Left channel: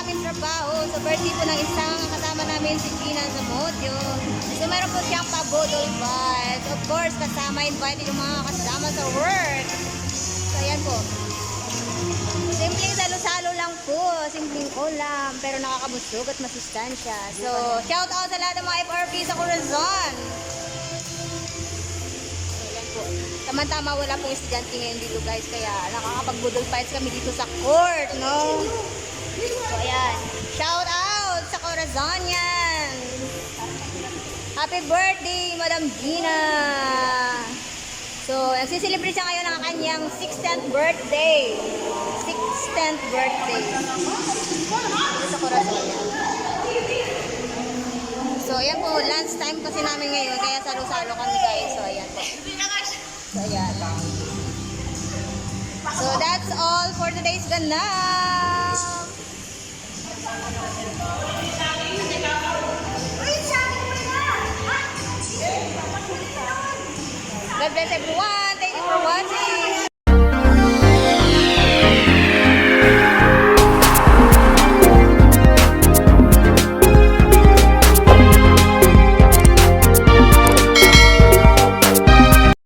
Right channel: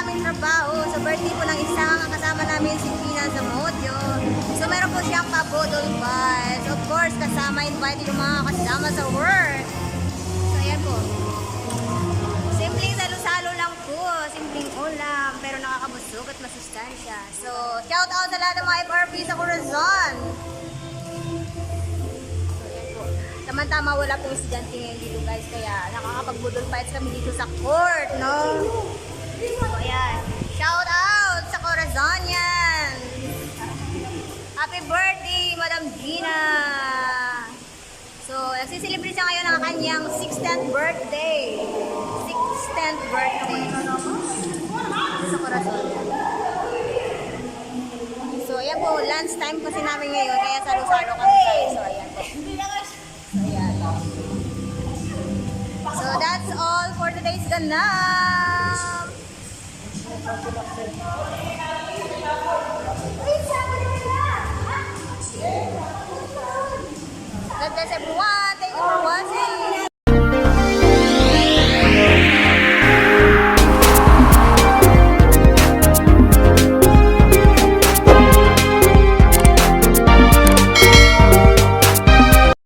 namin trabaho. So, birthday po ng isang kasama namin si Gina Zamudio. So, meron po siyang pa-bodol bites. Of course, kasama invited yung mga kasama sa work. So, ayan po. Simpleng salo-salo lang po. Simpleng ulam. Pero nakakabusog at masustansya. So, shout out sa lahat ng mga FRP sa Corazon. Tama-tama, wala pong estudyante ngayon dito guys, kaya nakakapag-budol fights kami dito sa court, no? So, ayan. Shout out sa Corazonian! Happy birthday, Madam Gina! So, nagsiselebrate siya ngayon ng kanyang 60th birthday. 60th birthday. Dito sa Corazonian. So, ayan po, lunch time kasi namin ngayon, kaya salo-salo kami guys. So, ayan po. So, ayan. So, that's all for today's ganap.